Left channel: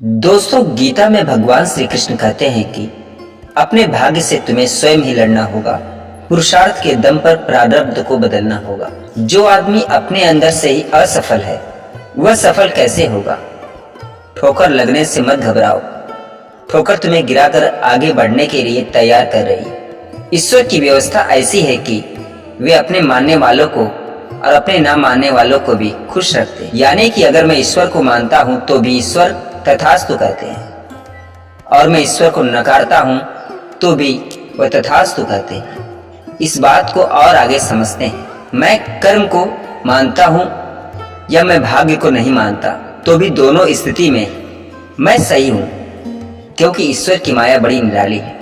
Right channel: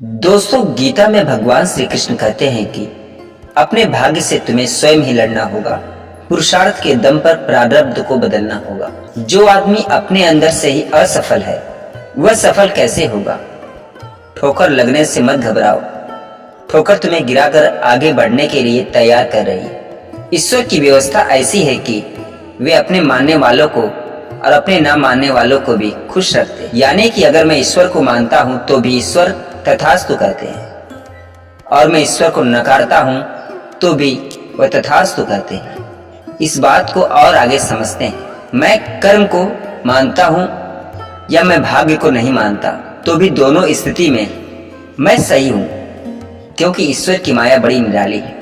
दोस्तों, गीता में भगवान श्री कृष्ण कहते हैं कि अपने भाग्य से तुम्हें स्वयं ही लड़ना होगा। पुरुषार्थ के दम पर प्रारब्ध को बदलना होगा। जो आदमी अपने अंदर से ही असफल है वह सफल कैसे होगा। ठोकर लगने से मत घबराओ। ठोकर तुम्हें गिराकर आगे बढ़ने के लिए तैयार कर रही है। ईश्वर की व्यवस्था ऐसी है कि वे अपने मानने वालों को और अपने ना मानने वालों को भी खुश रखते हैं। यानी कि अगर मैं ईश्वर को मानता हूं तो भी ईश्वर तथास्तु कहते हैं, और मैं ईश्वर को नकारता हूं तो भी वह तथास्तु कहते हैं। इस बात को और आगे समझते हैं। मैं कर्म को मानता हूं या मैं भाग्य को नहीं मानता, तो भी दोनों स्थिति में मैं सही हूं, क्योंकि ईश्वर की माया बड़ी निराली है।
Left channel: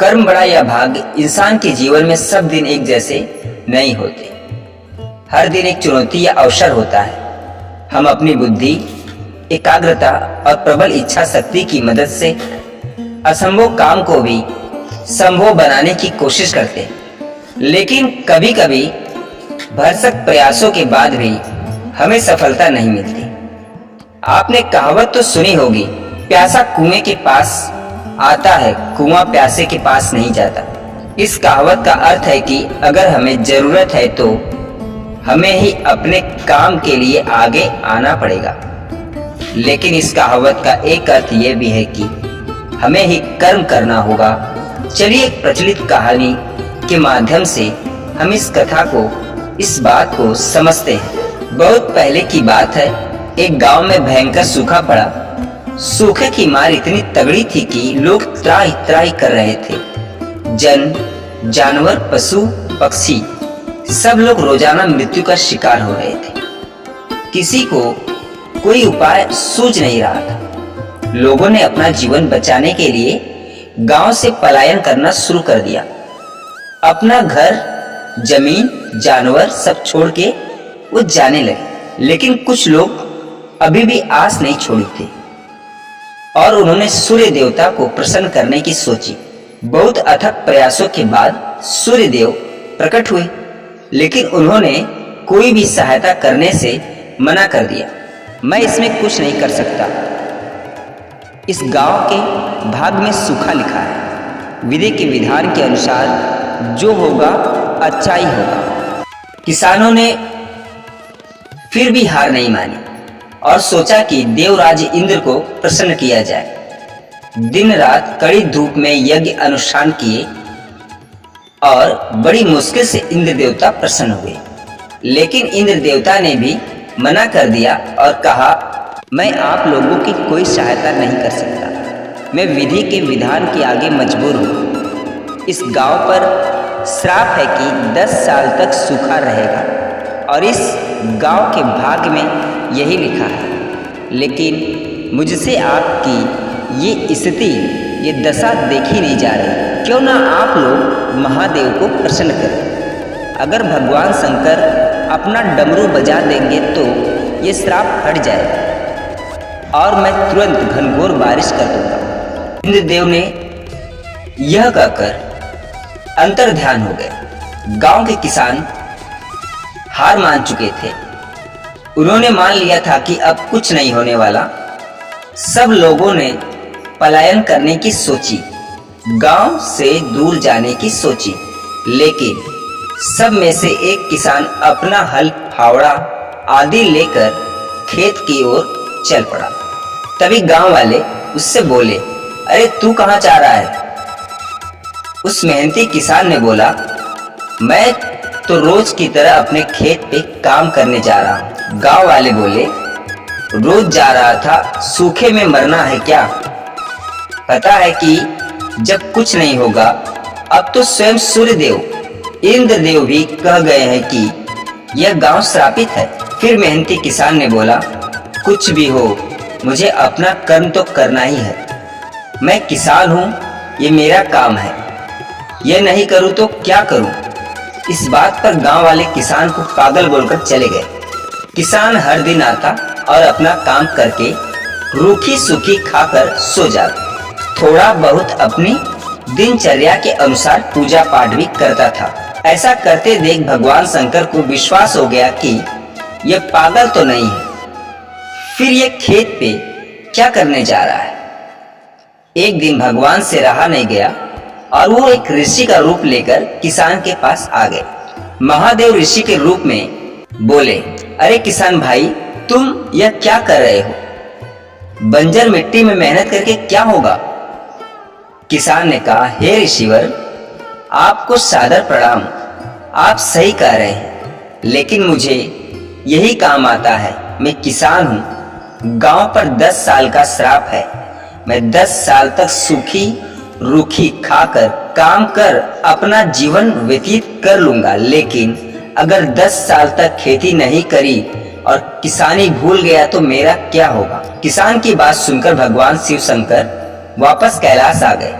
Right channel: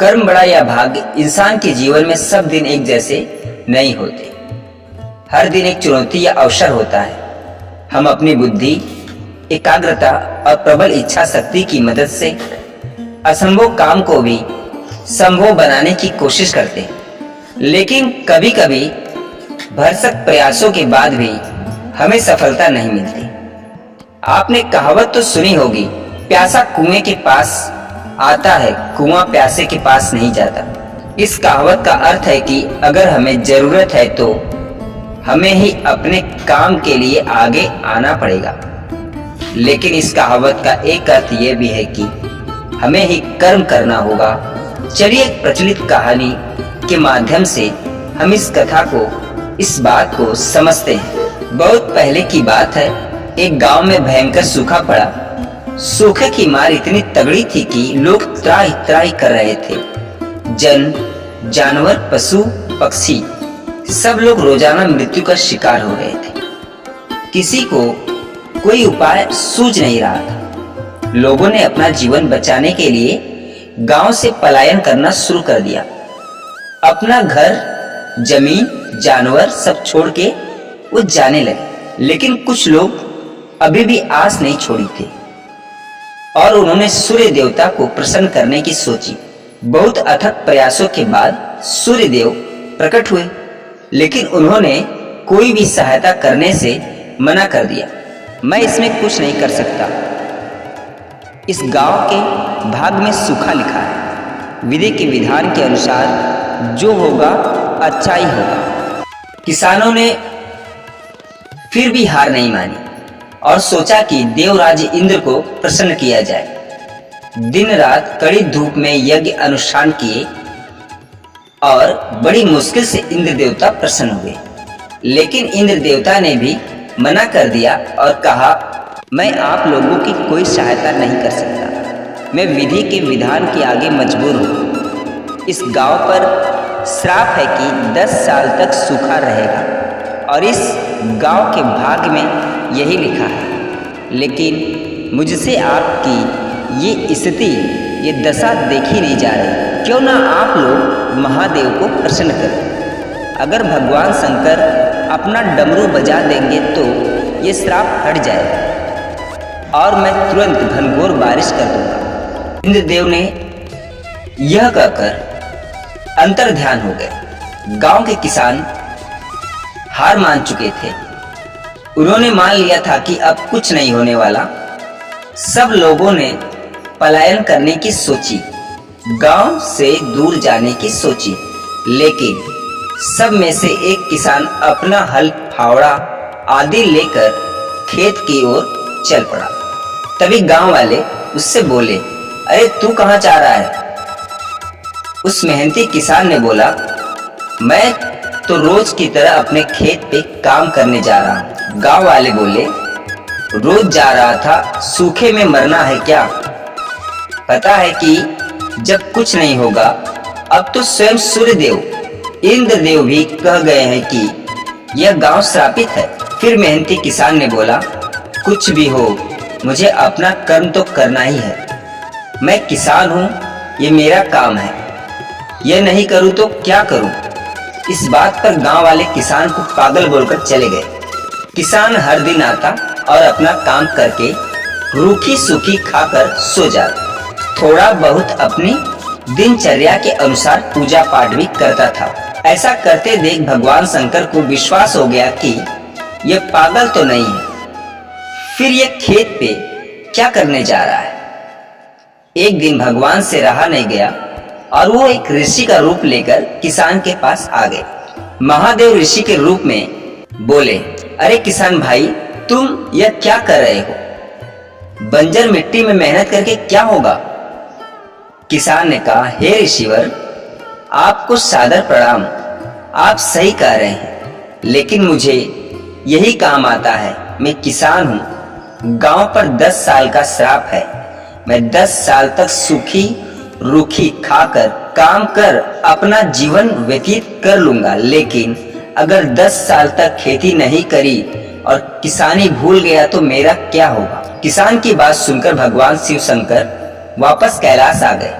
कर्म बड़ा या भाग्य, इंसान के जीवन में सब दिन एक जैसे नहीं होते। हर दिन एक चुनौती या अवसर होता है। हम अपनी बुद्धि, एकाग्रता और प्रबल इच्छा शक्ति की मदद से असंभव काम को भी संभव बनाने की कोशिश करते हैं, लेकिन कभी कभी भरसक प्रयासों के बाद भी हमें सफलता नहीं मिलती। आपने कहावत तो सुनी होगी, प्यासा कुएं के पास आता है, कुआं प्यासे के पास नहीं जाता। इस कहावत का अर्थ है कि अगर हमें जरूरत है तो हमें ही अपने काम के लिए आगे आना पड़ेगा। लेकिन इस कहावत का एक अर्थ यह भी है कि हमें ही कर्म करना होगा। चलिए एक प्रचलित कहानी के माध्यम से हम इस कथा को, इस बात को समझते हैं। बहुत पहले की बात है, एक गांव में भयंकर सूखा पड़ा। सूखे की मार इतनी तगड़ी थी कि लोग त्राही त्राही कर रहे थे। जन, जानवर, पशु, पक्षी सब लोग रोजाना मृत्यु का शिकार हो रहे थे। किसी को कोई उपाय सूझ नहीं रहा था। लोगों ने अपना जीवन बचाने के लिए गांव से पलायन करना शुरू कर दिया। अपना घर, जमीन, जानवर सब छोड़ के वो जाने लगे। लेकिन कुछ लोग अभी भी आस नहीं छोड़ी थी और उन्होंने सूर्य देवता को प्रसन्न करने की सोची। बहुत अथक प्रयासों के बाद सूर्य देव प्रकट हुए, लेकिन उन्होंने कोई भी सहायता करने से मना कर दिया। मैं इसमें कुछ नहीं कर सकता। इस गांव के भाग में सूखा लिखा है। विधि के विधान के अनुसार जो होगा अच्छा ही होगा। किसानों ने फिर भी हार नहीं मानी और सोचा कि देवराज इंद्र को प्रसन्न किया जाए। दिन रात कड़ी धूप में यज्ञ अनुष्ठान किए और बड़ी मुश्किल से इंद्र देवता प्रसन्न हुए। लेकिन इंद्र देवता ने भी मना कर दिया और कहा, मैं आप लोगों की कोई सहायता नहीं कर सकता। मैं विधि के विधान के आगे मजबूर हूँ। इस गांव पर श्राप है कि 10 साल तक सूखा रहेगा और इस गांव के भाग्य में यही लिखा है। लेकिन मुझसे आपकी ये स्थिति, ये दशा देखी नहीं जा रही। क्यों ना आप लोग महादेव को प्रसन्न करें। अगर भगवान शंकर अपना डमरू बजा देंगे तो ये श्राप हट जाएगा और मैं तुरंत घनघोर बारिश कर दूंगा। इंद्रदेव ने यह कहकर अंतर ध्यान हो गए। गांव के किसान हार मान चुके थे। उन्होंने मान लिया था कि अब कुछ नहीं होने वाला। सब लोगों ने पलायन करने की सोची, गांव से दूर जाने की सोची। लेकिन सब में से एक किसान अपना हल, फावड़ा आदि लेकर खेत की ओर चल पड़ा। तभी गांव वाले उससे बोले, अरे तू कहां जा रहा है? उस मेहनती किसान ने बोला, मैं तो रोज की तरह अपने खेत पे काम करने जा रहा हूं। गांव वाले बोले, रोज जा रहा था, सूखे में मरना है क्या? पता है कि जब कुछ नहीं होगा। अब तो स्वयं सूर्यदेव, इंद्रदेव भी कह गए हैं कि यह गांव श्रापित है। फिर मेहनती किसान ने बोला, कुछ भी हो, मुझे अपना कर्म तो करना ही है। मैं किसान हूं, ये मेरा काम है। यह नहीं करूं तो क्या करूं? इस बात पर गांव वाले किसान को पागल बोलकर चले गए। किसान हर दिन आता और अपना काम करके रूखी सूखी खाकर सो जाता। थोड़ा बहुत अपनी दिनचर्या के अनुसार पूजा पाठ भी करता था। ऐसा करते देख भगवान शंकर को विश्वास हो गया कि यह पागल तो नहीं है। फिर ये खेत पे क्या करने जा रहा है। एक दिन भगवान से रहा नहीं गया और वो एक ऋषि का रूप लेकर किसान के पास आ गए। महादेव ऋषि के रूप में बोले, अरे किसान भाई, तुम यह क्या कर रहे हो? बंजर मिट्टी में मेहनत करके क्या होगा? किसान ने कहा, हे ऋषिवर, आपको सादर प्रणाम। आप सही कह रहे हैं, लेकिन मुझे यही काम आता है। मैं किसान हूँ। गांव पर 10 साल का श्राप है। मैं 10 साल तक सूखी रूखी खाकर काम कर अपना जीवन व्यतीत कर लूंगा, लेकिन अगर 10 साल तक खेती नहीं करी और किसानी भूल गया तो मेरा क्या होगा? किसान की बात सुनकर भगवान शिव शंकर वापस कैलाश आ गए,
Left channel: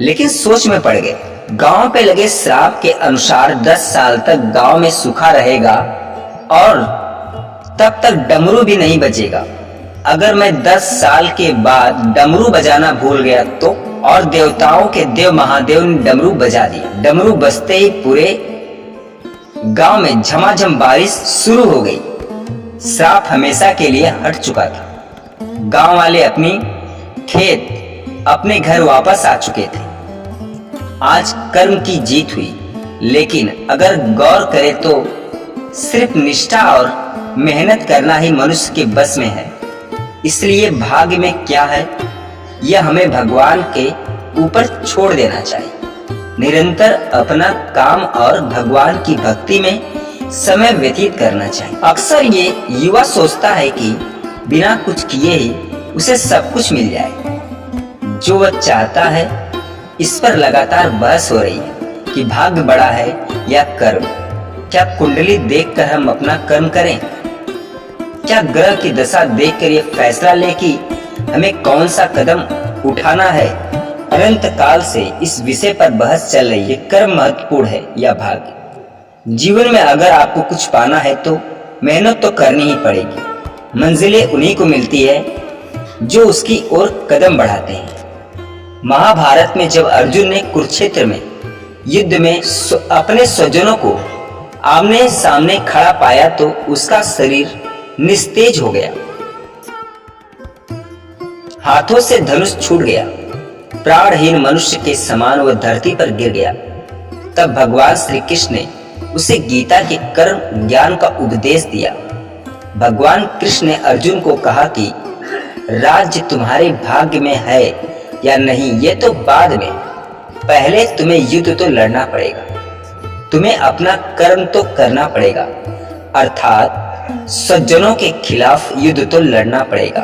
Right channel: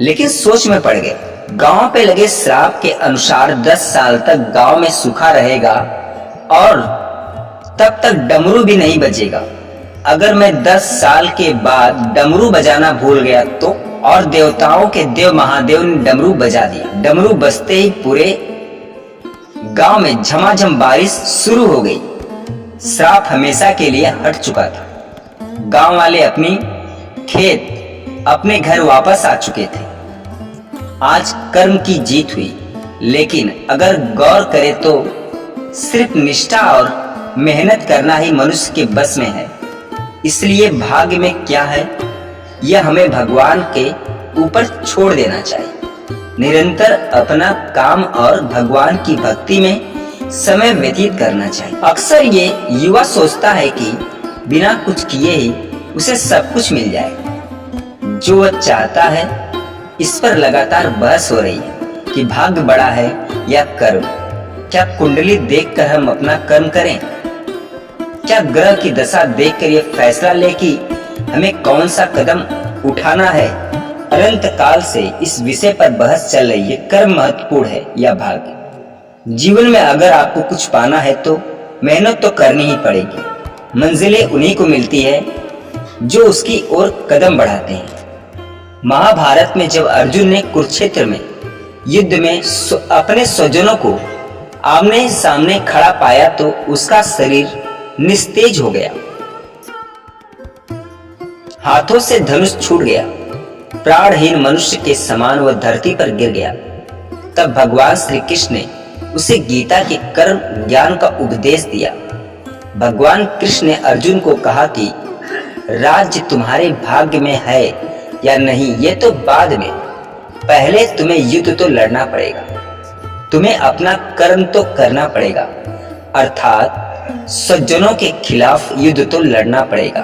लेकिन सोच में पड़ गए। गांव पे लगे श्राप के अनुसार 10 साल तक गांव में सूखा रहेगा और तब तक डमरू भी नहीं बजेगा। अगर मैं 10 साल के बाद डमरू बजाना भूल गया तो? और देवताओं के देव महादेव ने डमरू बजा दिया। डमरू बजते ही पूरे गांव में झमाझम बारिश शुरू हो गई। श्राप हमेशा के लिए हट चुका था। गांव वाले अपनी खेत, अपने घर वापस आ चुके थे। आज कर्म की जीत हुई, लेकिन अगर गौर करे तो सिर्फ निष्ठा और मेहनत करना ही मनुष्य के बस में है। इसलिए भाग्य में क्या है, यह हमें भगवान के ऊपर छोड़ देना चाहिए। निरंतर अपना काम और भगवान की भक्ति में समय व्यतीत करना चाहिए। अक्सर ये युवा सोचता है कि बिना कुछ किए ही उसे सब कुछ मिल जाए। जो वह चाहता है, इस पर लगातार बहस हो रही है कि भाग्य बड़ा है या कर्म। क्या कुंडली देखकर हम अपना कर्म करें? क्या ग्रह की दशा देखकर यह फैसला ले कि हमें कौन सा कदम उठाना है? अनंत काल से इस विषय पर बहस चल रही है, कर्म महत्वपूर्ण है या भाग्य। जीवन में अगर आपको कुछ पाना है तो मेहनत तो करनी ही पड़ेगी। मंजिलें उन्हीं को मिलती है जो उसकी ओर कदम बढ़ाते हैं। महाभारत में जब अर्जुन ने कुरुक्षेत्र में युद्ध में अपने स्वजनों को आमने सामने खड़ा पाया तो उसका शरीर निस्तेज हो गया, हाथों से धनुष छूट गया, प्राणहीन मनुष्य के समान वह धरती पर गिर गया। तब भगवान श्री कृष्ण ने उसे गीता के कर्म ज्ञान का उपदेश दिया। भगवान कृष्ण ने अर्जुन को कहा कि राज्य तुम्हारे भाग्य में है या नहीं ये तो बाद में, पहले तुम्हें युद्ध तो लड़ना पड़ेगा, तुम्हें अपना कर्म तो करना पड़ेगा, अर्थात सज्जनों के खिलाफ युद्ध तो लड़ना पड़ेगा।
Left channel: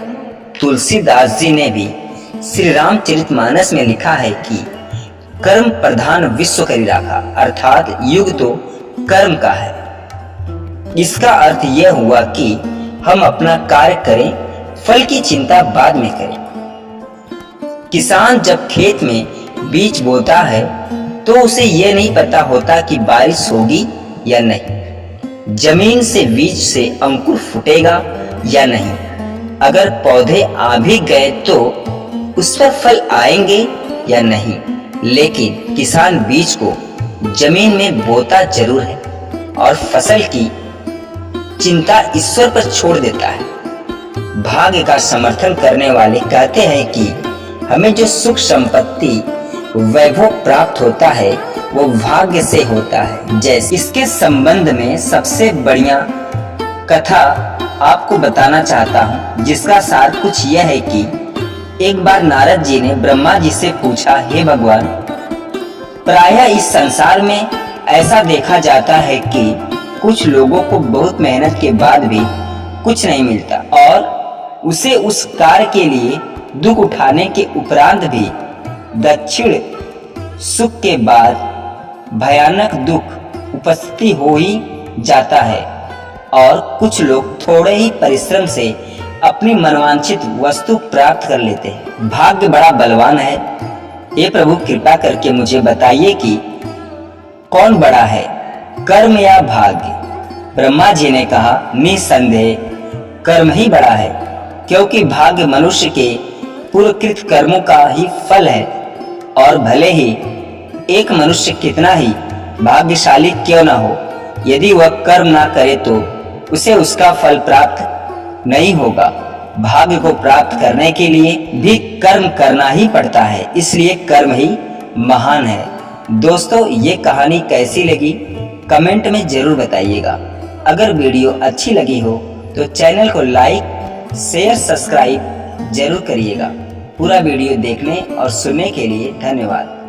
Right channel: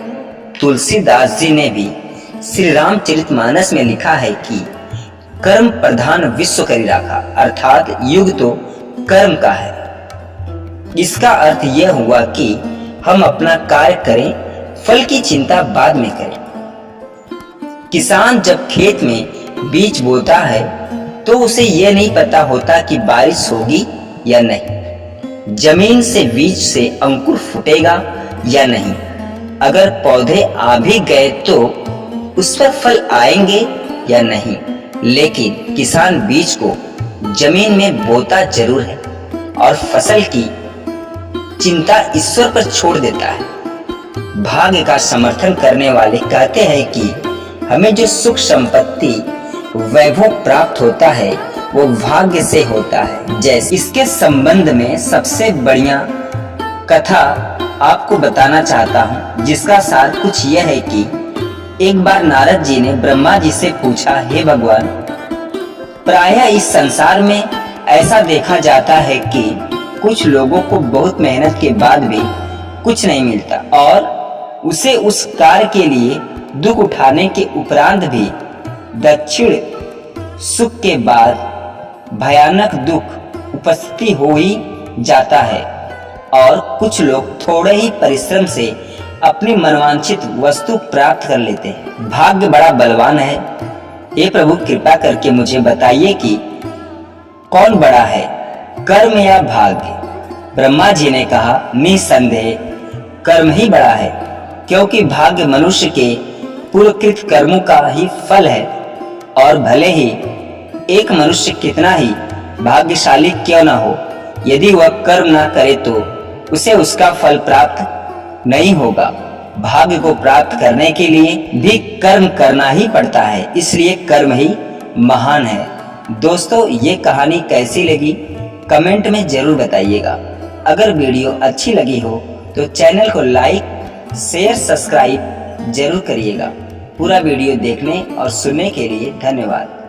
तुलसीदास जी ने भी श्री रामचरितमानस में लिखा है कि कर्म प्रधान विश्व करी राखा, अर्थात युग तो कर्म का है। इसका अर्थ यह हुआ कि हम अपना कार्य करें, फल की चिंता बाद में करें। किसान जब खेत में बीज बोता है तो उसे यह नहीं पता होता कि बारिश होगी या नहीं, जमीन से बीज से अंकुर फूटेगा या नहीं। अगर पौधे आ भी गए तो उस पर फल आएंगे या नहीं, लेकिन किसान बीज को जमीन में बोता जरूर है और फसल की चिंता ईश्वर पर छोड़ देता है। भाग्य का समर्थन करने वाले कहते हैं कि हमें जो सुख संपत्ति वैभव प्राप्त होता है वो भाग्य से होता है। जैसे इसके संबंध में सबसे बढ़िया कथा आपको बताना चाहता हूँ, जिसका सार कुछ यह है कि एक बार नारद जी ने ब्रह्मा जी से पूछा, हे भगवान, प्रायः इस संसार में ऐसा देखा जाता है कि कुछ लोगों को बहुत मेहनत के बाद भी कुछ नहीं मिलता और उसे उस कार्य के लिए दुख उठाने के उपरांत भी दक्षिण सुख के बाद भयानक दुख उपस्थिति हो ही जाता है, और कुछ लोग थोड़े ही परिश्रम से अपनी मनवांछित वस्तु प्राप्त कर लेते हैं। भाग्य बड़ा बलवान है। हे प्रभु, कृपा करके मुझे बताइए कि कौन बड़ा है, कर्म या भाग्य? ब्रह्मा जी ने कहा, निसंदेह कर्म ही बड़ा है, क्योंकि भाग्य मनुष्य के पूर्वकृत कर्मों का ही फल है। और भले ही एक मनुष्य कितना ही भाग्यशाली क्यों न हो, यदि वह कर्म ना करे तो उसे उसका फल प्राप्त नहीं होगा। भाग्य को प्राप्त करने के लिए भी कर्म करना ही पड़ता है, इसलिए कर्म ही महान है। दोस्तों, ये कहानी कैसी लगी कमेंट में जरूर बताइएगा। अगर वीडियो अच्छी लगी हो तो चैनल को लाइक शेयर सब्सक्राइब जरूर करिएगा। पूरा वीडियो देखने और सुनने के लिए धन्यवाद।